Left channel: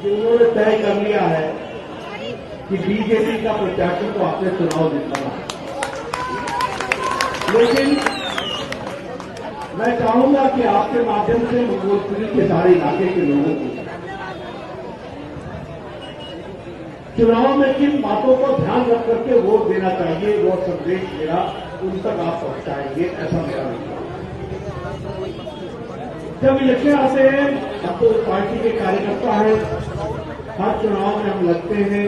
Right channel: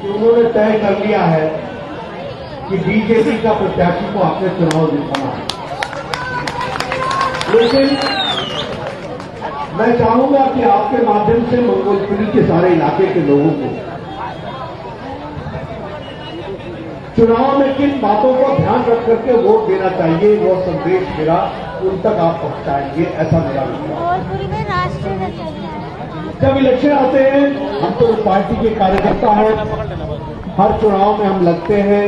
कि उन्होंने तय कर लिया है कि बीजेपी का प्रत्याशी को आपने चुनाव जितवाना है। लेकिन मैं चाहूंगा कि आपके माध्यम से मंगोलपुरी के सारे इलाके के लोगों को चुनाव में किन बातों का ध्यान रख करके वोट देना चाहिए, वो संदेश मेरा उन तक आप पहुंचाएंगे, ऐसा मेरा विश्वास है। जब इलेक्शन आते हैं, हम तो पार्टी के कार्यकर्ता हैं, हर चुनाव में हम लड़ते हैं,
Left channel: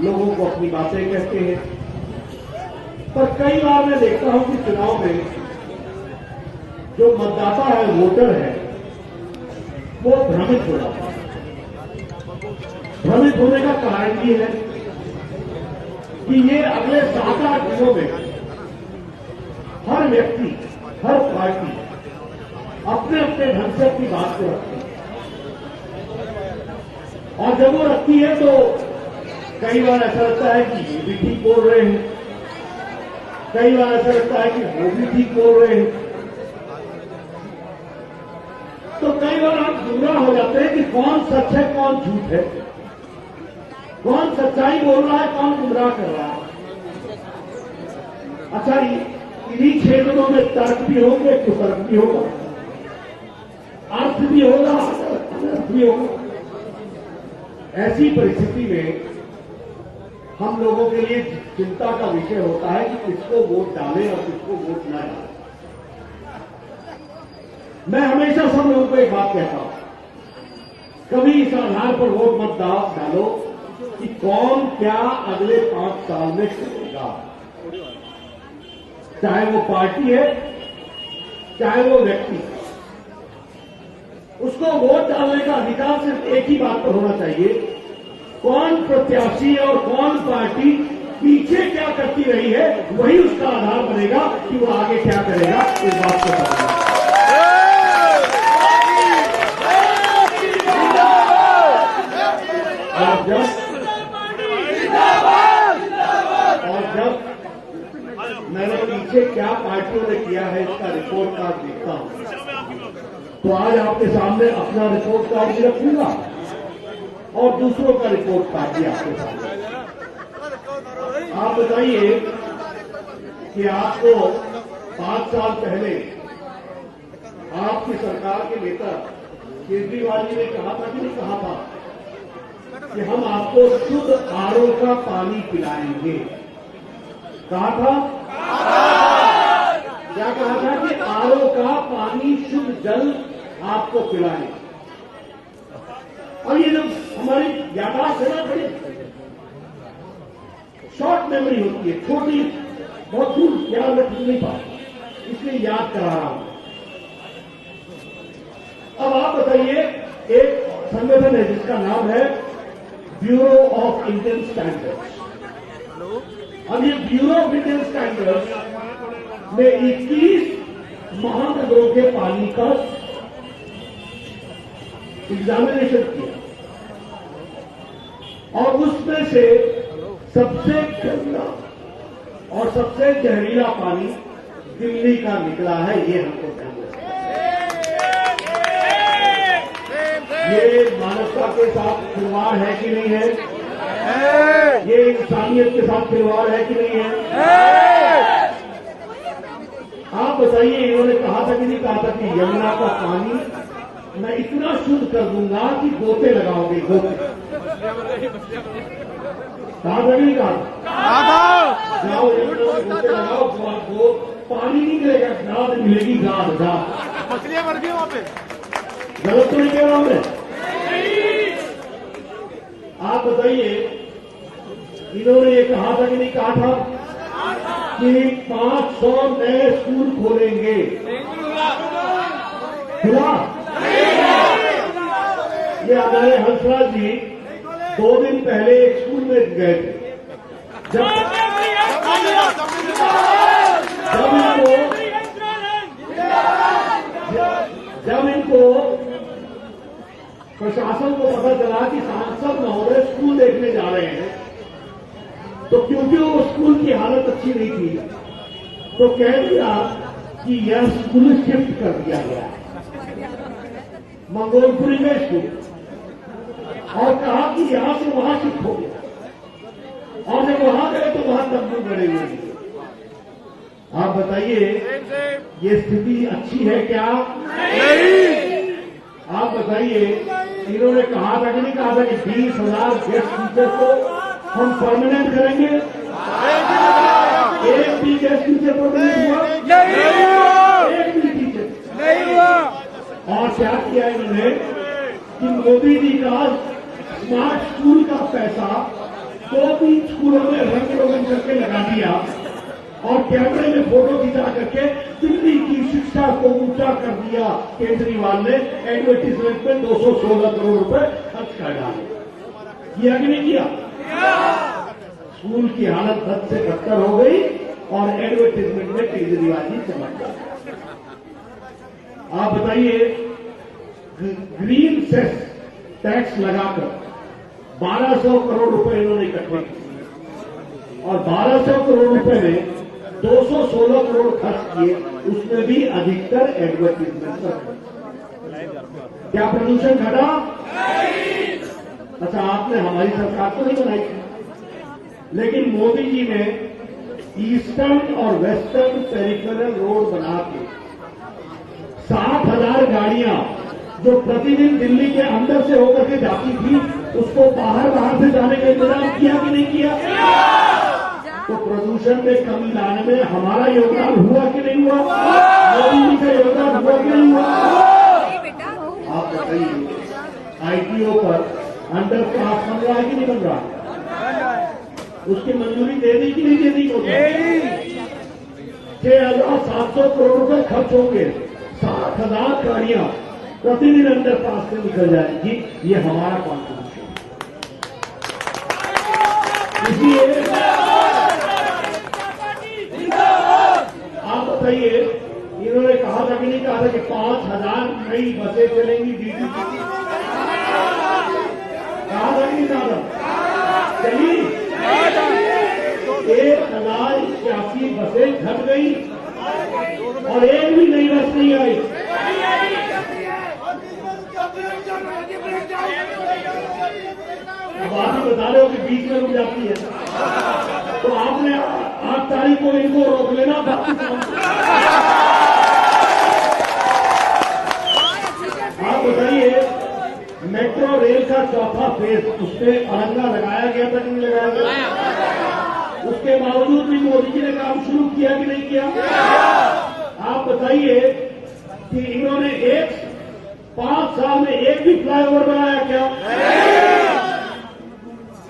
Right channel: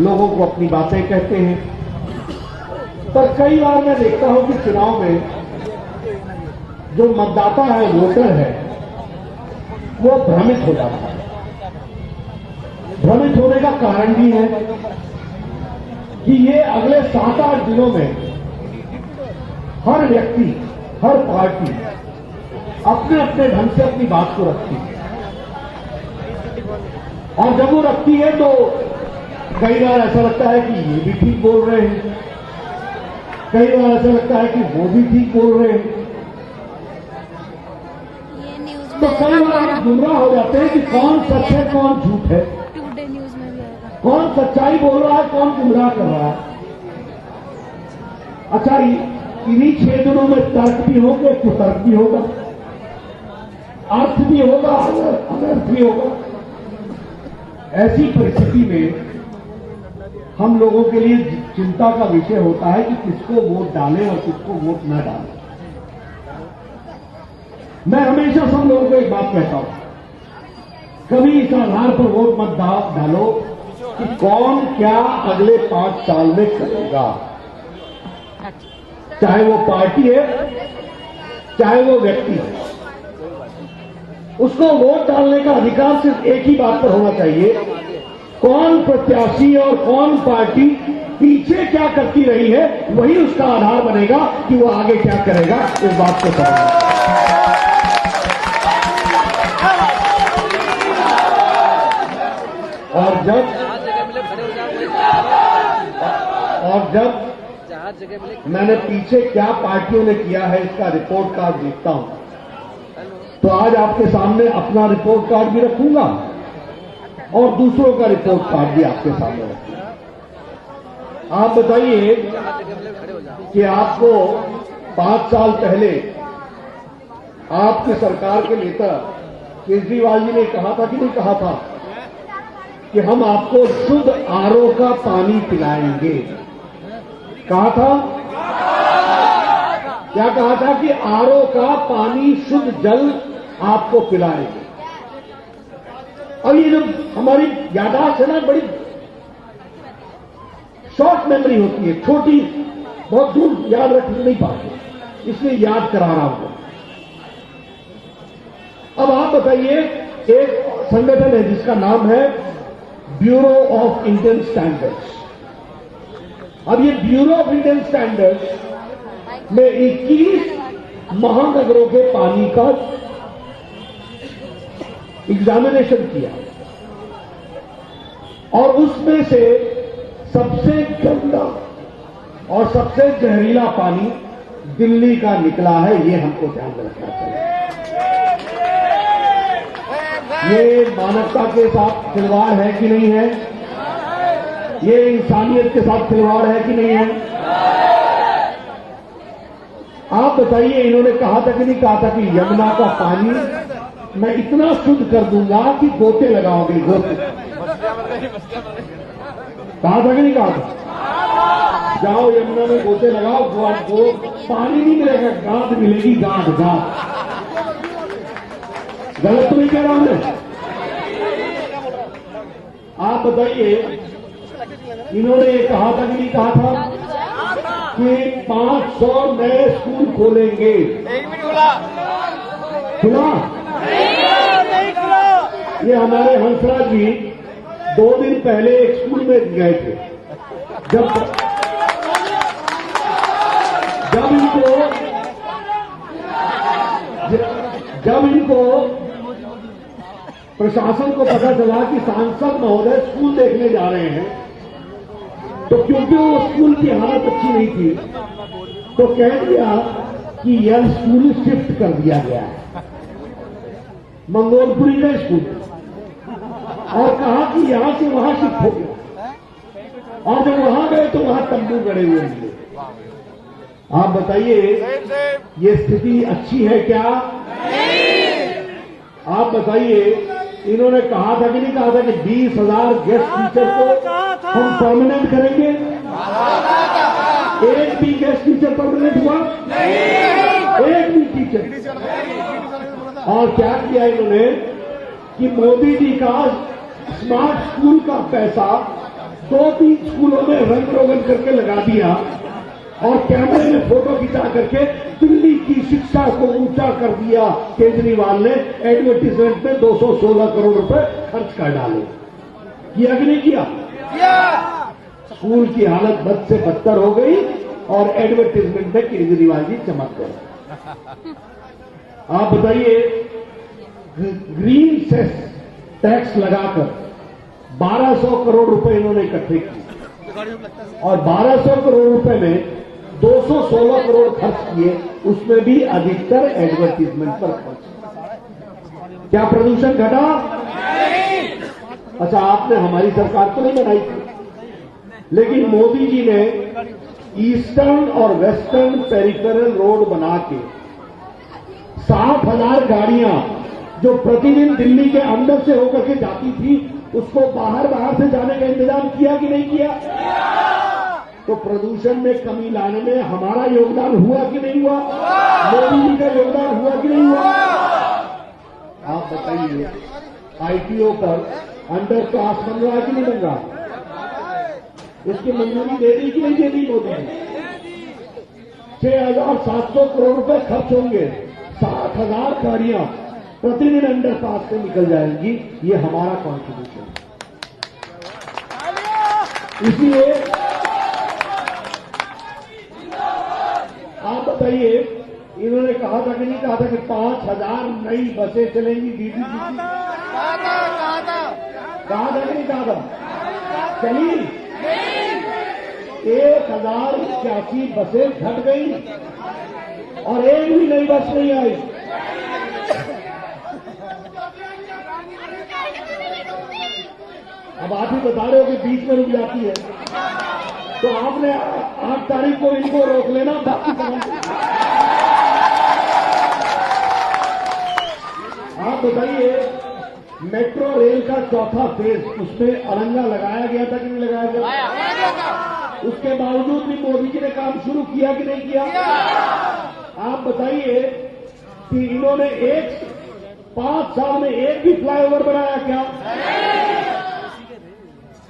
लोगों को अपनी बातें कहते हैं, पर कई बार मैं देखता हूं कि चुनाव में जो मतदाता है, वोटर है, वो भ्रमित हो जाता है। भ्रमित होने का कारण भी है कि ये अगले 7-8 दिनों में हर व्यक्ति, हर पार्टी अपने अपने ढंग से अपनी बात को रखती है, और जब वो रखती है तो कई बार ऐसा लगता है कि ये भी ठीक बोल रहे हैं, कई बार ऐसा लगता है कि वो भी ठीक बोल रहे हैं, तो कई बार आप गुमराह हो जाते हैं कि कौन सच है कौन झूठ है, कौन सच्चाई बोल रहा है कौन गुमराह कर रहा है। अच्छा, इन्हीं 6 दिनों में तर्क भी होगा, कुतर्क भी होगा, अर्थ भी होगा, अनर्थ भी होगा। ऐसी परिस्थिति में हम लोगों के लिए चिंता का विषय होता है कि किसको वोट डालें और किसको वोट न डालें। मैं हमेशा सब लोगों को एक बात कहता हूं, कभी इस आधार पर वोट मत डालो कि कौन क्या अगले 5 साल में करेगा, चाहे वो पार्टी है, चाहे वो व्यक्ति है। उसको वोट डालने का अधिकार सिर्फ एक ही बात पर होना चाहिए, कौन प्रत्याशी और कौन पार्टी पीछे क्या करती रही है, वही उसका आधार बनेगा कि वो आगे क्या करेगा। इस बात को समझना। और जब मैंने पीछे क्या पार्टियों ने किया है इसका रिपोर्ट कार्ड देखता हूं, तो आज आपके सामने अपना रिपोर्ट कार्ड भी रखूंगा और दूसरों का रिपोर्ट कार्ड भी आपके सामने रखूंगा। आप बताइए कि आपको 5 साल पहले आपकी सरकार के नेता केजरीवाल जी ने कहा था कि नहीं कहा था कि हम आपको शुद्ध आरओ का पानी पिलाएंगे। कहा था, क्या कहा था कि आरओ का पानी, शुद्ध जल आपको पिलाए। अब ये जब हमारी याददाश्त है ना, बड़ी शॉर्ट मेमोरी होती है, छोटी, बहुत दूर याद रख नहीं पाते, इसलिए याद करा रहा हूं। अब आप बताइए, एक संगठन है जिसका नाम है ब्यूरो ऑफ इंडियन स्टैंडर्ड्स। अब ये ब्यूरो ऑफ इंडियन स्टैंडर्ड्स में 21 महानगरों के पानी का एग्जामिनेशन किया और उसमें से सबसे गंदा और सबसे जहरीला पानी दिल्ली का निकला है। ये हमको ध्यान रखना चाहिए। ये मानवता के साथ खिलवाड़ है कि नहीं है? ये इंसानियत के साथ खिलवाड़ है कि नहीं है? आप बताइए, इन्होंने कहा था कि नहीं कहा था कि यमुना का पानी मैं इतना शुद्ध कर दूंगा कि गोते लगाओगे, गोते। कहा था कि नहीं कहा? जाओ यमुना में गोते लगाओ, वो पानी नहीं मिलेगा, गाद मिलेगी, गाद गाद। गलत तो नहीं कह रहा हूं मैं? आप बताइए, इन्होंने ये कहा था कि नहीं कहा था कि 500 नए स्कूल खोलेंगे। सुना? ये हमारे हंसराज जी 2 दिन पहले एक स्कूल में गए थे। जब इनको प्रशासन को पता चला कि सांसद महोदय स्कूल देखने जा रहे हैं, तो क्योंकि वो स्कूल की हालत अच्छी नहीं थी, तो कह दिया कि यह स्कूल शिफ्ट कर दिया गया है, मंगोलपुरी का स्कूल। और कहा कि यहां से वहां शिफ्ट हो गया, और जब वहां गए तो वहां तंबू गड़े हुए हैं। आप बताइए ये स्थिति अच्छी है क्या? आप बताइए, इन्होंने कहा था कि नहीं कहा था कि 20,000 गेस्ट टीचर को हम परमानेंट करेंगे? एक भी गेस्ट टीचर परमानेंट हुआ? एक भी टीचर। और क्या किया इन्होंने कि मोदी जी का स्मार्ट स्कूल का पैसा 2-3 स्कूलों में रंग रोगन करके लगा दिया और कैमरे में फोटो खिंचा करके दिल्ली की शिक्षा को ऊंचा कर दिया। केजरीवाल ने एडवर्टीजमेंट पे 216 करोड़ रुपए खर्च कर डाले। किया कि नहीं किया? स्कूल की हालत बद से बदतर हो गई और एडवर्टीजमेंट में केजरीवाल जी चमक गए। आप बताइए, ग्रीन सेस टैक्स लगाकर 1200 करोड़ रुपए इन्होंने इकट्ठे किए और 1200 करोड़ रुपए में 216 करोड़ खर्च किए, उसमें भी अधिकतर एडवर्टीजमेंट पर खर्च। क्या प्रदूषण घटा? अच्छा, आपने हमारी सरकार तो नहीं बनाई थी, लेकिन मोदी जी ने ईस्टर्न और वेस्टर्न पेरिफेरल रोड बना के 60,000 गाड़ियां जो प्रतिदिन दिल्ली के अंदर से होकर के जाती थी, उसको बाहर से जाने का इंतजाम किया कि नहीं किया? तो प्रदूषण में कमी लाने में हमारा योगदान हुआ कि नहीं हुआ? मोदी जी का योगदान हुआ कि नहीं हुआ? आप बताइए, आईटीओ पर अंडर क्लास बन रहा कि नहीं बन रहा? उसकी मंजूरी दे दी कि नहीं दे दी? 6,700 करोड़ रुपए खर्च होंगे, 60,000 गाड़ियां प्रतिदिन अंडर पास से निकल जाएंगी। ये हमारा कॉन्ट्रीब्यूशन। इसलिए आप बताइए, इन्होंने कहा था कि नहीं कहा था कि 5,000 नई बसें चलेंगी डीडी? कहा था कि नहीं कहा था? चली 1,081 बसें घट गई और एक भी नई बस नहीं आई। अब आप ही बता रहे हो कि बीच में रुक जाती है, तो आपने 8 तारीख को इनको रोक लेना था। आप बताइए, मेट्रो रेल का चौथा फेज, उस पर अड़ंगा लगाया गया था कि नहीं लगाया था? उसके बावजूद भी मोदी जी ने काम शुरू किया कि नहीं किया? आप बताइए कि इन्होंने 5 साल में एक भी फ्लाईओवर बनाया क्या?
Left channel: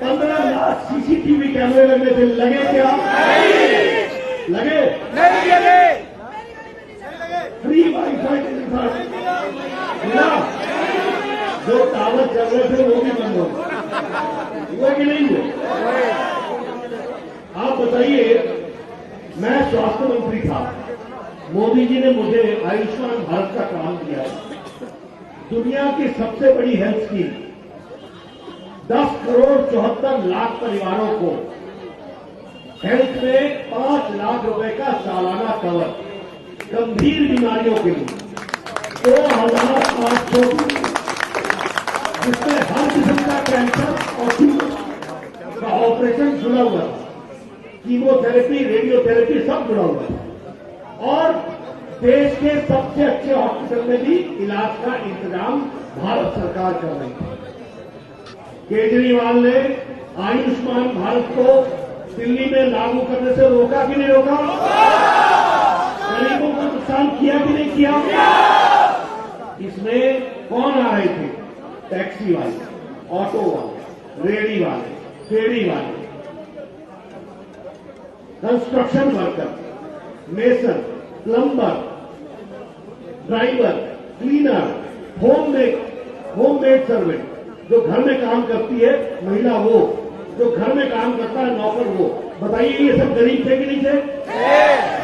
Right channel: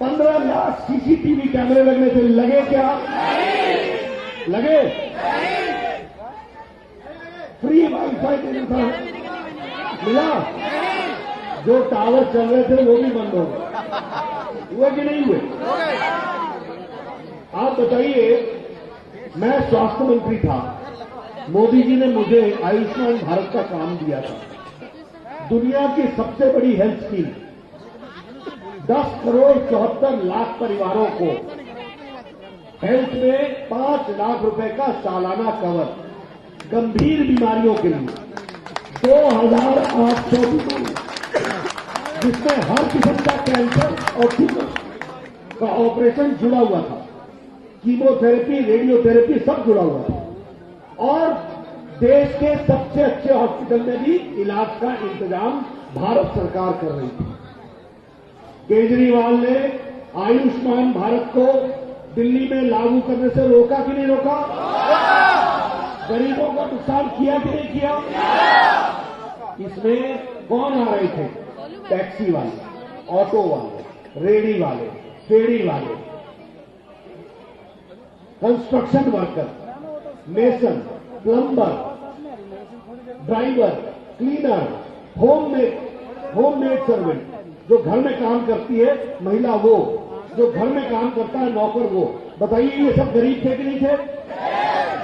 15 लाख सीसीटीवी कैमरे लगने से लगे क्या? लगे? फ्री वाईफाई मिला? जो टावर चल रहे थे वो भी बंद हो वो भी नहीं हुए। आप बताइए, मैं स्वास्थ्य मंत्री था, मोदी जी ने मुझे आयुष्मान भारत का काम दिया है। दुनिया की सबसे बड़ी हेल्थ स्कीम, 10 करोड़ 74 लाख परिवारों को हेल्थ में 5 लाख रुपए का सालाना कवर, गंभीर बीमारियों के लिए 2,800, जिसमें हर किस्म का कैंसर और ट्यूमर का ऑपरेशन जुड़ा हुआ था, कीमोथेरेपी, रेडियोथेरेपी सब जुड़ा हुआ था। और देश के सबसे अच्छे हॉस्पिटल में भी इलाज का इंतजाम भारत सरकार कर रही थी। केजरीवाल ने आयुष्मान भारत को दिल्ली में लागू करने से रोका कि नहीं रोका? गरीबों का नुकसान किया कि नहीं किया? इसमें कौन आ रहे थे? टैक्सी वाले, ऑटो वाले, रेहड़ी वाले, फेरी वाले, construction worker, mason, plumber, driver, cleaner, homemade servant, जो घर में काम करती है महिला वो, जो घर में काम करता है नौकर वो। बताइए, ये सब गरीब थे कि नहीं थे?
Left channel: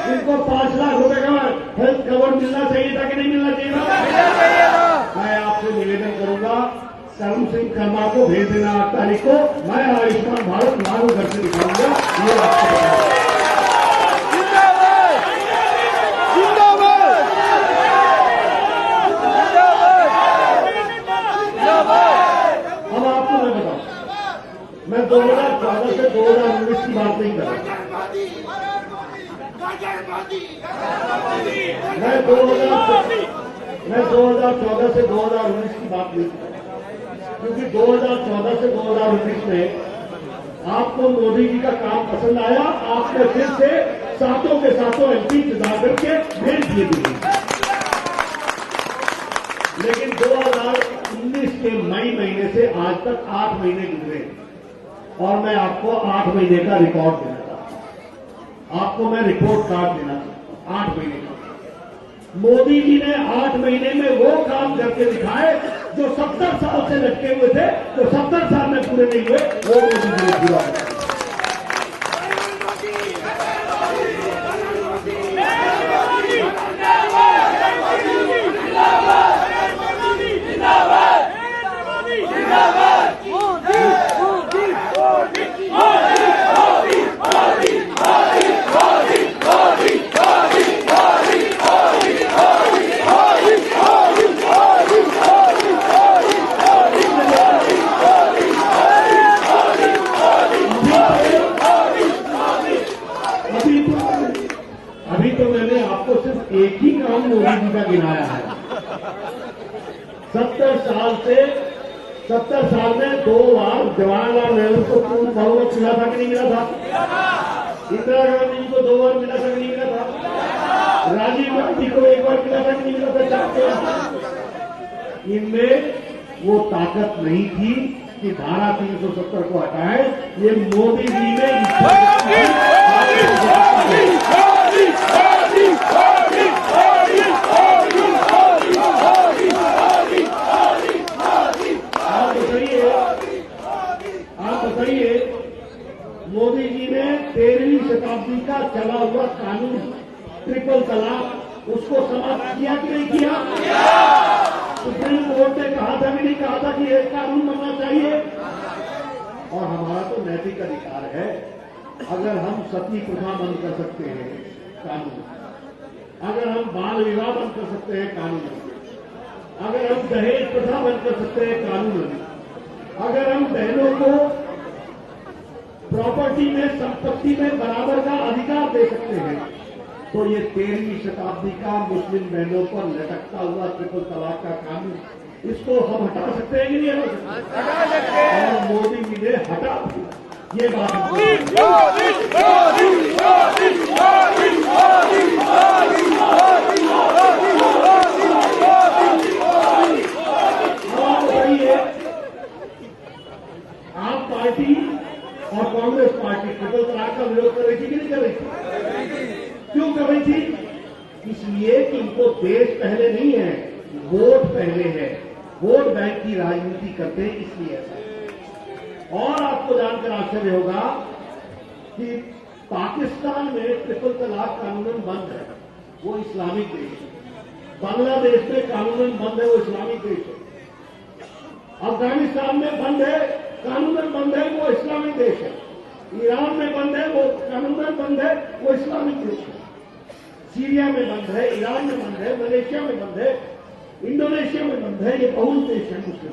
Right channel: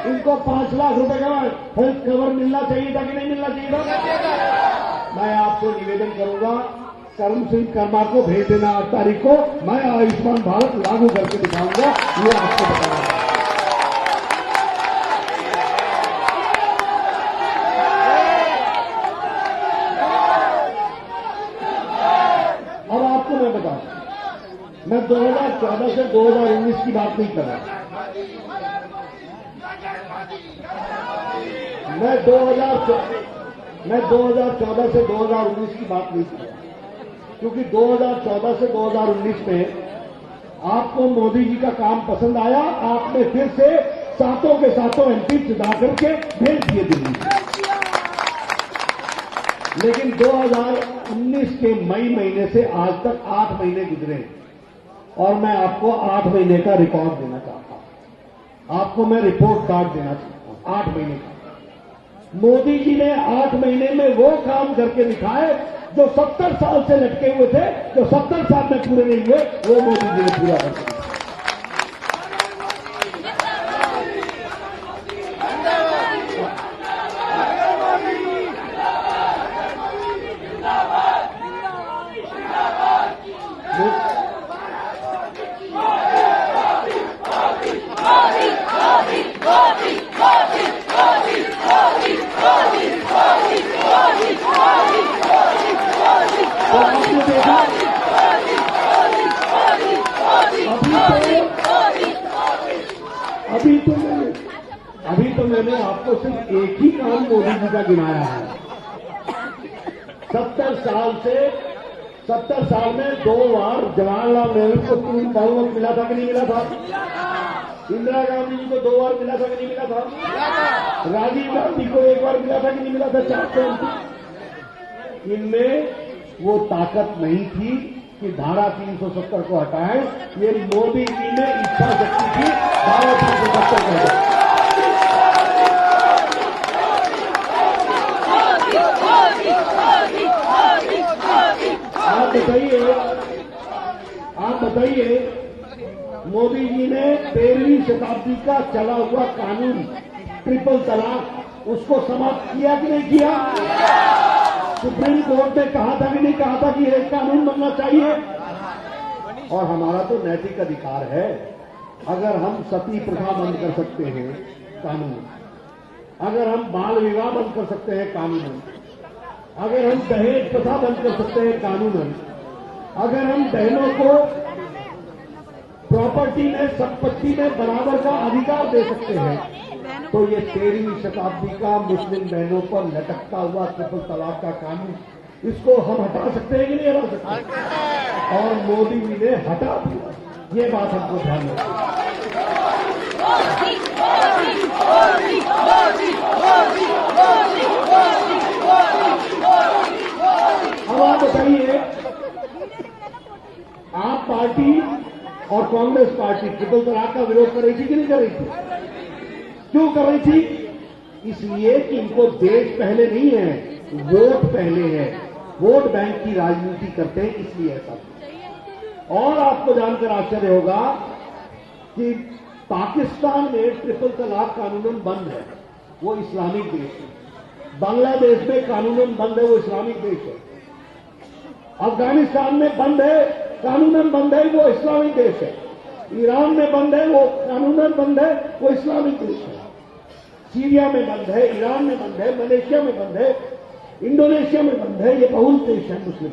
इनको 5 लाख रुपए का हेल्थ कवर मिलना चाहिए था कि नहीं मिलना चाहिए था? मैं आपसे निवेदन करूंगा, करुण सिंह कर्मा को भेज देना 8 तारीख को, मैं आयुष्मान भारत लागू करके दिखाऊंगा। ये आपको बताऊंगा। अब आपको मैं 2014 से 2019 की बात नहीं कर रहा। मैं 2014 से 2019 की बात नहीं कर रहा, क्योंकि 2014 से 2019 में आपको मोदी जी का काम पसंद आया, आपने फिर से सातों के सातों एमपी चुना करके भेज दिए दिल्ली। लेकिन 2019 के मई महीने से आज तक 8 महीने गुजरे और मैं आपको 8 महीने का रिकॉर्ड देना चाहता हूं। आपको मैं रिपोर्ट कार्ड देना चाहता हूं 8 महीने का। मोदी जी ने 8 महीने में वो काम करके दिखाए जो 70 साल से लटके हुए थे, जो 70 साल में पूरे नहीं हुए, वो मोदी जी ने पूरा कर दिया। अभी तो मैंने आपको सिर्फ एक ही काम मोदी जी का गिनाया है। 70 साल में 2 बार जवाहरलाल नेहरू को पूर्ण बहुमत मिला था कि नहीं मिला था? इंदिरा गांधी जी को 2 बार मिला था कि नहीं मिला था? राजीव गांधी को 1 बार मिला था कि नहीं मिला था? 4 इनमें वो ताकत नहीं थी कि धारा 370 को हटाए। ये मोदी जी ने इच्छा शक्ति है। आप बताइए, मोदी जी ने 13वीं शताब्दी का चला हुआ कानून ट्रिपल तलाक, उसको समाप्त किया कि नहीं किया? सुप्रीम कोर्ट ने कहा था कि नहीं कहा था कि एक कानून बनना चाहिए? और हमारा तो नैतिक अधिकार है। अगर हम सती प्रथा बंद कर सकते हैं कानून, अगर हम बाल विवाह बंद कर सकते हैं कानून, अगर हम दहेज प्रथा बंद कर सकते हैं कानून, अगर हम बहनों को प्रॉपर्टी में, संपत्ति में बराबर का अधिकार दे सकते हैं, तो ये 13वीं शताब्दी का मुस्लिम बहनों पर लटकता हुआ ट्रिपल तलाक का कानून, इसको हम हटा सकते हैं कि नहीं हटा सकते? और मोदी जी ने हटा दिया। ये बात हमको आप बताइए, आप पार्टी और कांग्रेस पार्टी ट्रिपल तलाक का विरोध कर रही थी कि नहीं कर रही थी? क्यों कर रही थी? इसलिए कि इनको देश पहले नहीं है, वोट पहले है। वोट बैंक की राजनीति करते हैं, इसलिए ऐसा। और आपको जानकर आश्चर्य होगा कि पाकिस्तान में ट्रिपल तलाक कानूनन बंद है, वो इस्लामिक देश है। बांग्लादेश में कानूनन बंद है, वो इस्लामिक देश है। अफगानिस्तान में बंद है, कानूनन बंद है, वो इस्लामिक देश है। ईरान में बंद है, वो कानूनन बंद है, वो इस्लामिक देश है। सीरिया में बंद है, ईरान में बंद है, मलेशिया में बंद है, इंडोनेशिया में बंद है। ये बहुत देश है मुस्लिम।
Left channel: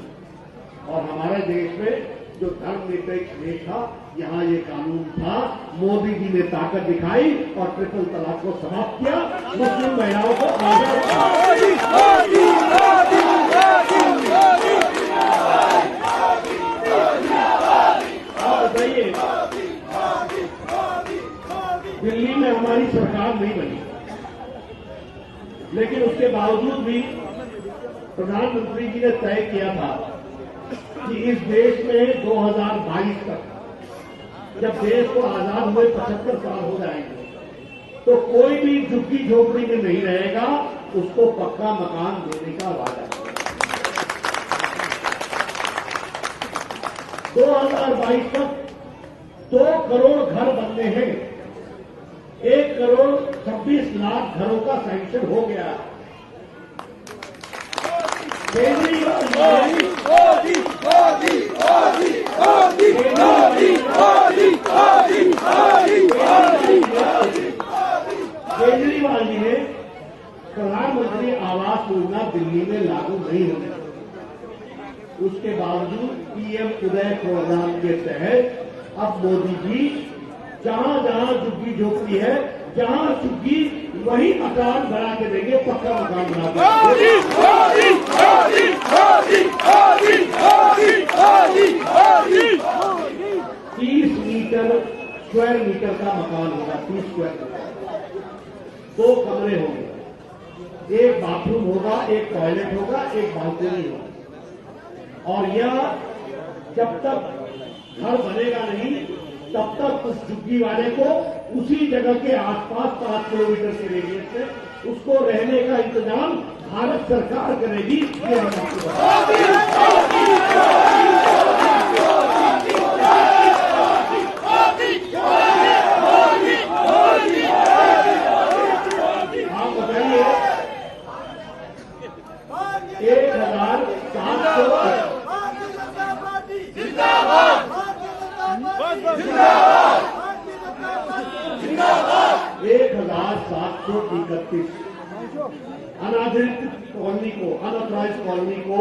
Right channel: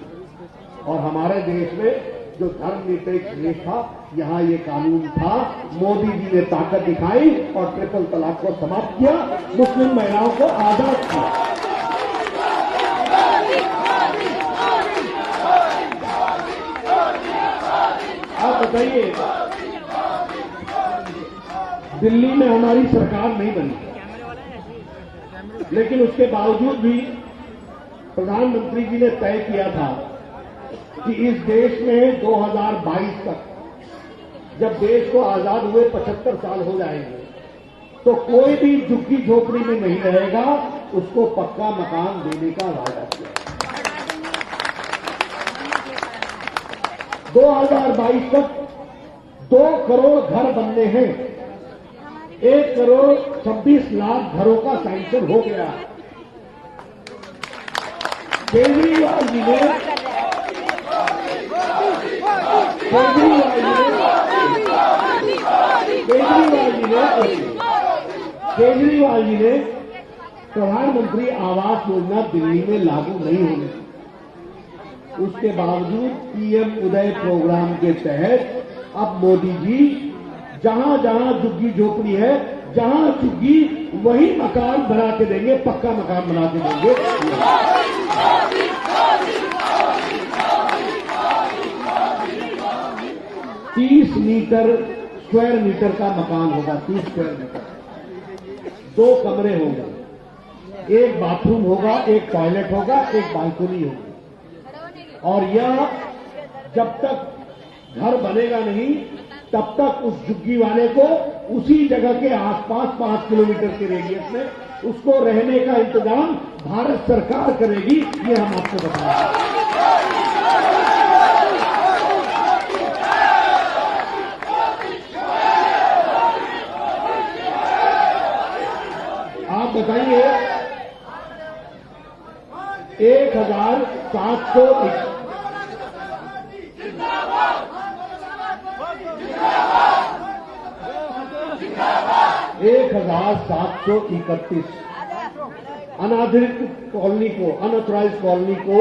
और हमारे देश में जो धर्मनिरपेक्ष देश था, यहां ये कानून था। मोदी जी ने ताकत दिखाई और ट्रिपल तलाक को समाप्त किया, मुस्लिम महिलाओं को आजाद किया। आप बताइए, दिल्ली में हमारी सरकार नहीं बनी, लेकिन उसके बावजूद भी प्रधानमंत्री जी ने तय किया था कि इस देश में 2022 तक, जब देश को आजाद हुए 75 साल हो जाएंगे, तो कोई भी झुग्गी झोपड़ी में नहीं रहेगा, उसको पक्का मकान देने का वादा किया। 2022 तक 2 करोड़ घर बनने हैं। 1 करोड़ 26 लाख घरों का सैंक्शन हो गया। केजरीवाल जी ने प्रधानमंत्री आवास योजना दिल्ली में लागू नहीं होने दी। उसके बावजूद पीएम उदय प्रोग्राम के तहत अब मोदी जी जहां जहां झुग्गी झोपड़ी है, जहां झुग्गी वही मकान बना के देंगे, पक्का मकान बना के देंगे। 30 स्क्वायर मीटर का मकान होगा, 30 स्क्वायर मीटर, 2 कमरे होंगे, एक बाथरूम होगा, एक टॉयलेट होगा, एक बालकनी होगा। और यह जब तक घर बनेगा नहीं तब तक उस झुग्गी वाले को उसी जगह के आसपास 5 किलोमीटर के रेडियस में उसको रहने का इंतजाम भारत सरकार करेगी, ये हम आपको बताएंगे। आप बताइए 1731 अनाधिकृत कॉलोनी को, अनऑथराइज कॉलोनी को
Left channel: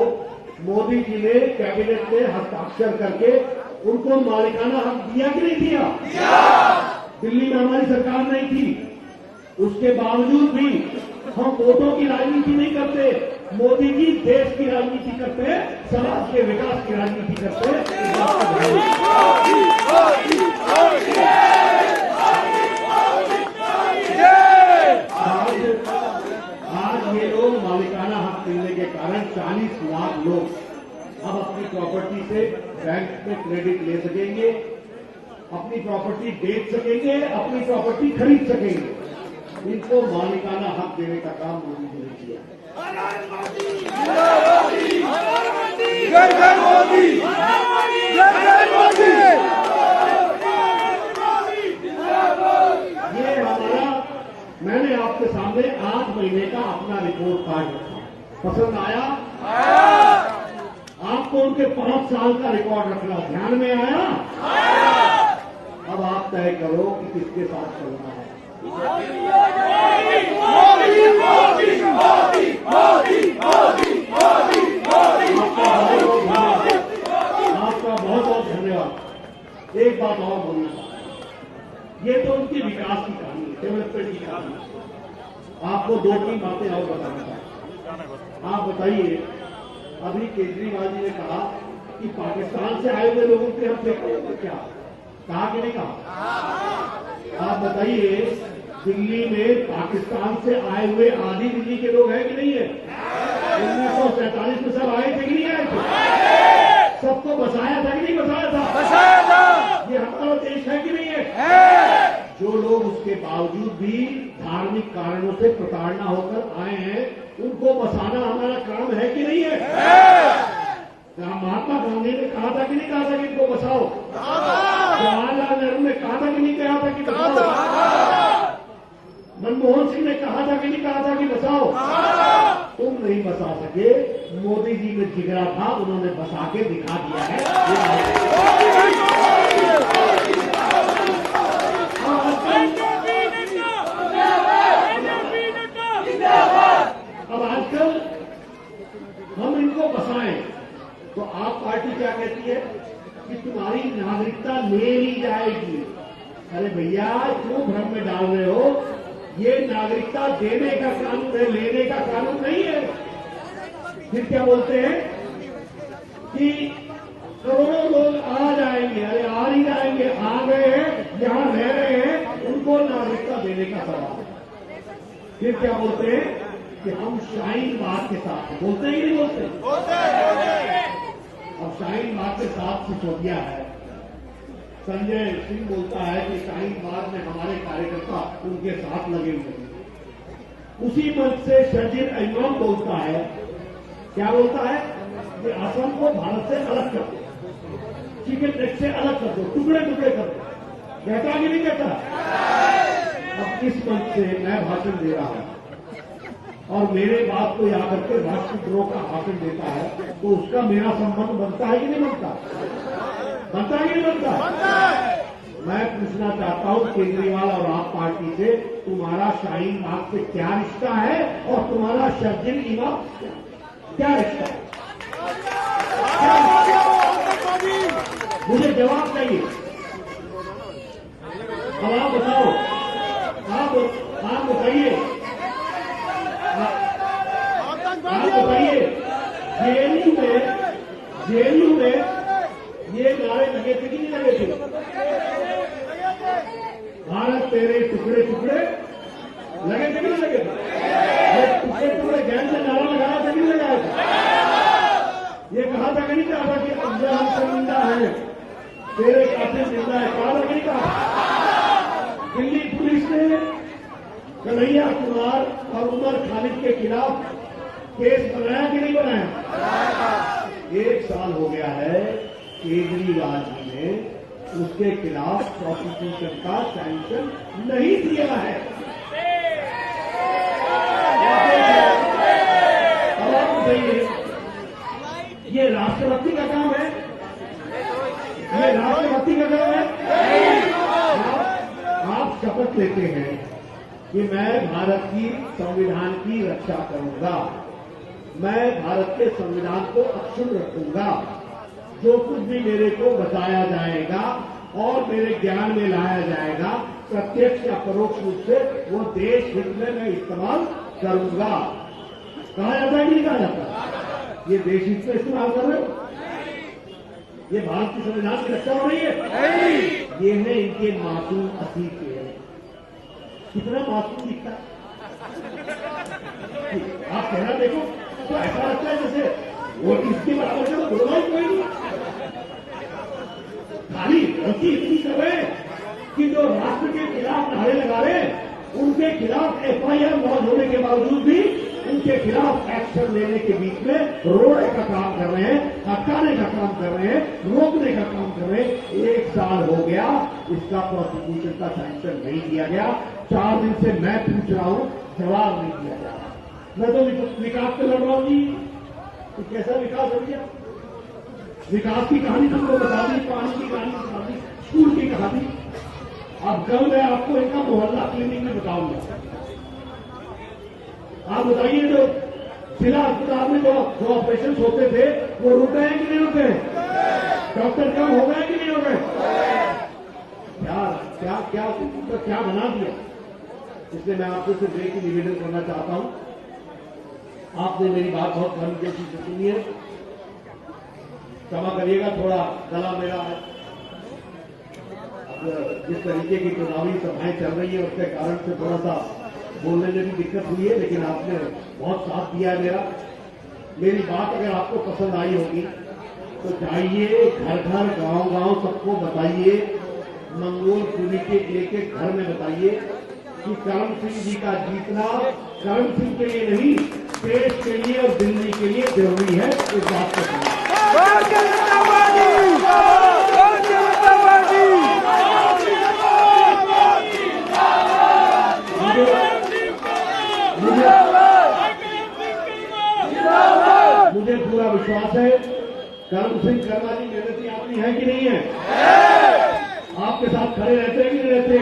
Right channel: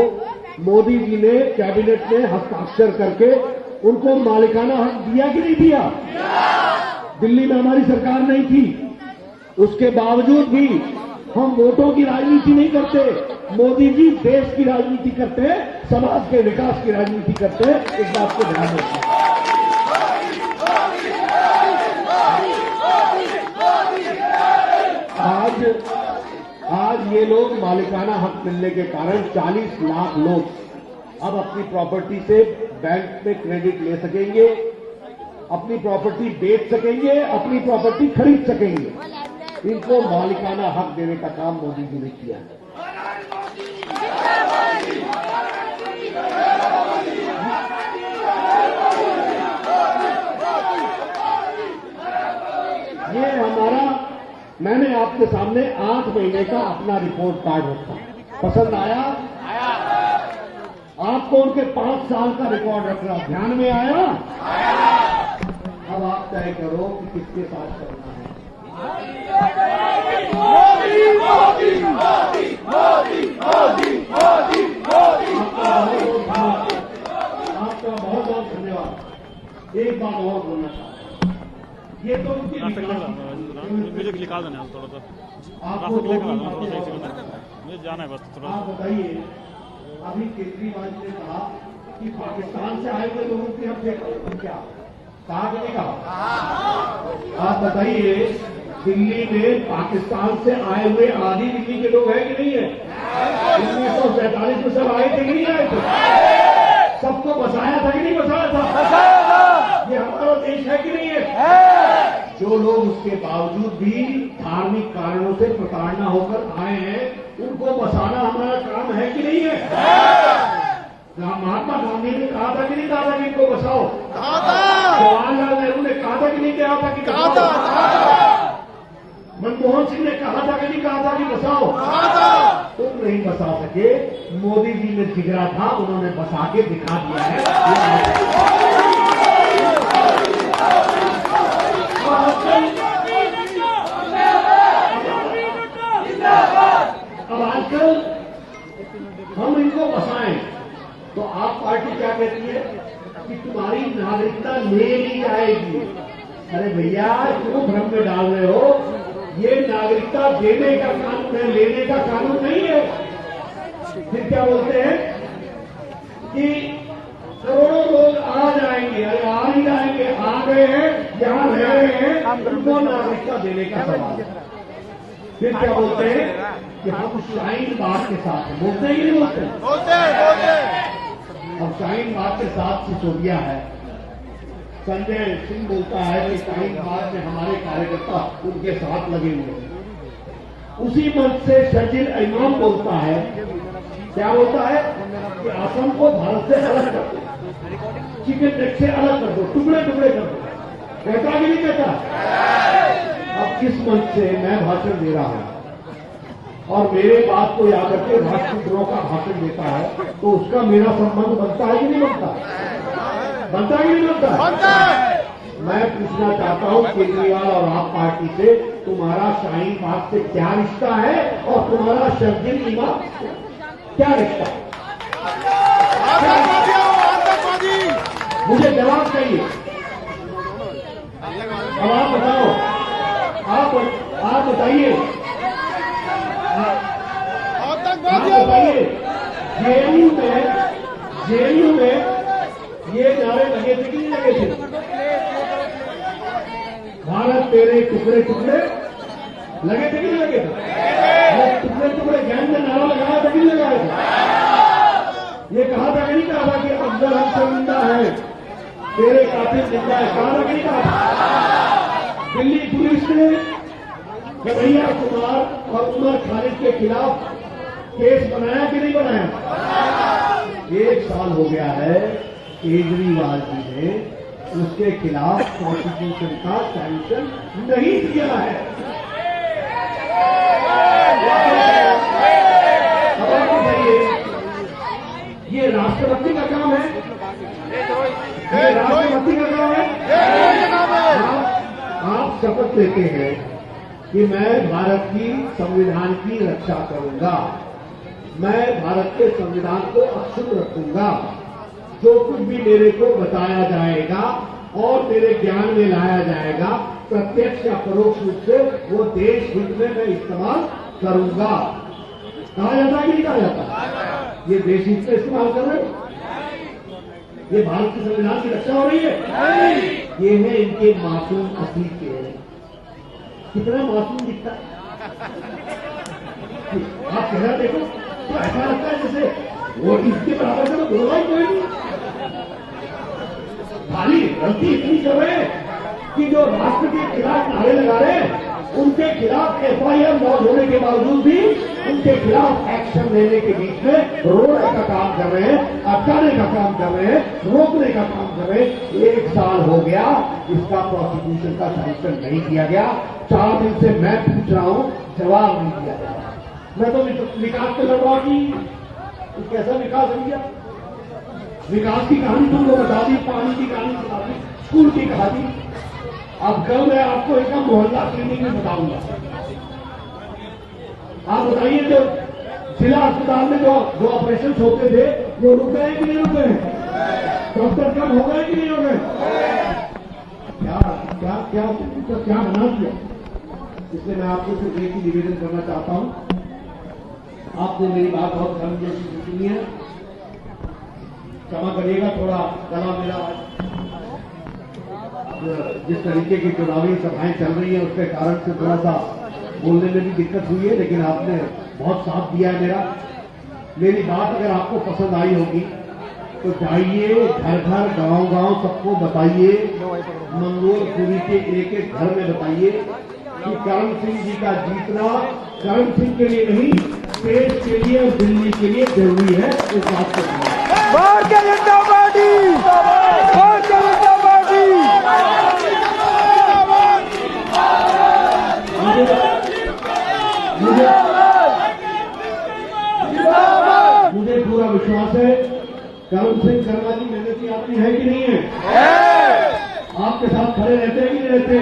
मोदी जी ने कैबिनेट में हस्ताक्षर करके उनको मालिकाना हक दिया कि नहीं दिया? दिल्ली में हमारी सरकार नहीं थी, उसके बावजूद भी हम वोटों की राजनीति नहीं करते। मोदी जी देश की राजनीति करते हैं, समाज के विकास की राजनीति करते हैं। इस बात को ध्यान रखिए। आज ये लोग मालिकाना हक मिलने के कारण 40 लाख लोग अब अपनी प्रॉपर्टी से बैंक में क्रेडिट ले सकेंगे, अपनी प्रॉपर्टी बेच सकेंगे, अपनी प्रॉपर्टी खरीद सकेंगे। इनको मालिकाना हक देने का काम मोदी जी ने किया है। ये हमारा, मैंने आपके सामने 8 महीने का अपना रिपोर्ट कार्ड रखा, पसंद आया? आपको उनके 5 साल का रिकॉर्ड रखना ध्यान में आया? अब आप तय करो कि किसके साथ चलना है। आपका बहुत बहुत धन्यवाद। एक बात और बोलना चाहता हूं, ये तो उनकी विकास की कहानी है, आपको 2-3 बातें और बताना चाहता हूं। आप बताइए, अभी केजरीवाल जी ने कहा कि पाकिस्तान से आए हुए लोगों के हम चेक क्या कहा कि नहीं कहा? आप बताइए, दिल्ली में पाकिस्तान से आए हुए आधी दिल्ली के लोग हैं कि नहीं है? 1947 में सब आए थे कि नहीं आए थे? सबको बसाया था कि नहीं बसाया था? बसाया था। ये हमारा देश है कि नहीं है? जो लोग उसके बावजूद भी धार्मिक कारणों से प्रताड़ना होकर आए हैं, उनको बसाना हमारा काम है कि नहीं है? महात्मा गांधी ने कहा था कि नहीं कहा था कि इनको बसाओ? जवाहरलाल नेहरू ने कहा था कि नहीं कहा था कि बसाओ? मनमोहन सिंह ने कहा था कि नहीं कहा था कि बसाओ? तुम नहीं बसा सके, मोदी जी ने जिगरा था, उन्होंने बसा के दिखा दिया है। अब आजकल हम इनको बसाएं तो आप पार्टी क्या कहती है कि तुम्हारी नागरिकता ले ली जाएगी। अरे भैया, क्यों भ्रम में डाल रहे हो? ये नागरिकता देने का कानून है, लेने का कानून नहीं है। फिर क्या बोलते हैं कि करोड़ों लोग आ जाएंगे, आ नहीं जाएंगे, आ गए हैं, जहां रह रहे हैं, उनको नागरिकता देने का सवाल है। फिर क्या बोलते हैं कि हम शाहीन बाग के साथ बोलते हैं कि नहीं बोलते? अब शाहीन बाग के साथ सिसोदिया है, संजय सिंह बोलता है कि शाहीन बाग में हमारे कार्यकर्ता उनके साथ लगे हुए। उसी मंच से शकील इमाम बोलता है, क्या बोलता है कि असम को भारत से अलग कर दो, चिकन नेक से अलग कर दो, टुकड़े टुकड़े कर दो। कहता कि नहीं कहता? अब किस मंच से मैं भाषण दे रहा हूं और मेरे बात को याद करके राष्ट्रद्रोह का भाषण देता है, तो उसका मेरा संबंध बनता है कि नहीं बनता? बनता है कि नहीं बनता? मैं पूछना चाहता हूं केजरीवाल और आप पार्टी से, तुम्हारा शाहीन बाग से क्या रिश्ता है और तुम्हारा शर्जील इमाम क्या रिश्ता है? मुझे जवाब चाहिए। अब आप बताओ, आप बताइए, जेएनयू में ये नारे लगे थे कि नहीं लगे थे? भारत तेरे टुकड़े टुकड़े लगे थे कि नहीं लगे थे? टुकड़े टुकड़े गैंग ने नारा लगाया था कि नहीं लगाया था? ये कहा था कि नहीं कहा कि अफजल हमसे जिंदा है, तेरे कातिल जिंदा है, कहा था कि नहीं कहा? दिल्ली पुलिस ने कन्हैया कुमार और उमर खालिद के खिलाफ केस बनाया कि नहीं बनाया? 1 साल हो गया है, केजरीवाल जी ने उसके खिलाफ प्रोसिक्यूशन का सैंक्शन नहीं किया है। अब आप बताइए, ये राष्ट्रपति का काम है? ये राष्ट्रपति का काम है? आप शपथ लेते हैं कि मैं भारत की संविधान की रक्षा करूंगा, मैं भारत के संविधान को अक्षुण्ण रखूंगा, जो कुछ भी मेरे को बताया जाएगा और मेरे ज्ञान में लाया जाएगा प्रत्यक्ष या परोक्ष रूप से वो देश हित में मैं इस्तेमाल करूंगा। कहा जाता है कि नहीं कहा जाता? ये देश हित में इस्तेमाल कर रहे हो? ये भारत के संविधान की रक्षा हो रही है? ये है इनके मासूम अतीत के। कितना मासूम दिखता है आप कहना देखो, तो ऐसा लगता है जैसे वो इसके बराबर से तो गुरुवाई कोई नहीं। खाली गलती इतनी कर रहे कि जो राष्ट्र के खिलाफ नारे लगा रहे उनके खिलाफ एफआईआर लॉन्च होने के बावजूद भी उनके खिलाफ एक्शन लेने के बीच में रोकने का काम कर रहे हैं, अटकाने का काम कर रहे हैं, रोकने का काम कर रहे हैं। 1 साल हो गया, इसका प्रोसिक्यूशन का सैंक्शन नहीं किया गया। 4 दिन से मैं पूछ रहा हूं, जवाब नहीं दिया गया। मैं तो विकास पे लड़ रहा हूं कि कैसा विकास हो गया? विकास की कहानी तुमको बता दी, पानी की कहानी बता दी, स्कूल की कहानी। अब कल मैं आपको एक मोहल्ला क्लिनिक में बताऊंगा। आप बताइए, जो जिला अस्पताल में जो ऑपरेशन होते थे वो रुके हैं कि नहीं रुके हैं? डॉक्टर कम हो गए कि नहीं हो गए? क्या क्या क्या तो क्या बना दिया? इसलिए मैं आपको सिर्फ एक ही निवेदन करना चाहता हूं। आपने मेरी बात बहुत गर्मजोशी से सुनी है, क्षमा करिएगा, थोड़ा गला मेरा जिस तरीके की चुनावी सभाएं चल रही है उसके कारण से थोड़ा सा बोलने में भी दिक्कत हुई है, लेकिन आपने बहुत साथ दिया मेरा। मेरी बात अगर आपको पसंद आई होगी तो जाइए घर घर गांव गांव सबको बताइए, मंगोलपुरी के एक घर में बताइए कि करण सिंह जी का जीतना करण सिंह के लिए नहीं, देश के लिए और दिल्ली के लिए जरूरी है। इस बात को मुझे पूरा विश्वास है करण सिंह शर्मा जी मेहनती आदमी है कि नहीं है? आपके साथ खड़े रहते हैं कि नहीं रहते?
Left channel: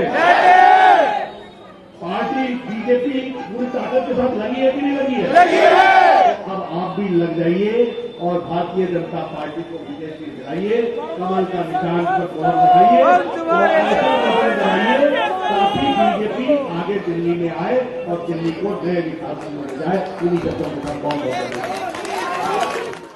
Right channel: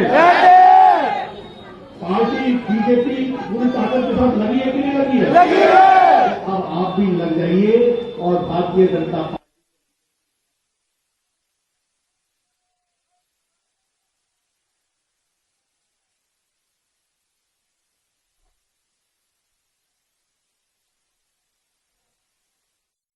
पार्टी बीजेपी पूरी ताकत के साथ लगी है कि नहीं लगी है? अब आप भी लग जाइए और भारतीय जनता पार्टी को विजय से दिलाइए, कमल का निशान पर मोहर लगाइए और ऐसा मोहर लगाइए ताकि बीजेपी आगे दिल्ली में आए और दिल्ली को नए विकास में ले जाए। इन्हीं शब्दों के साथ बहुत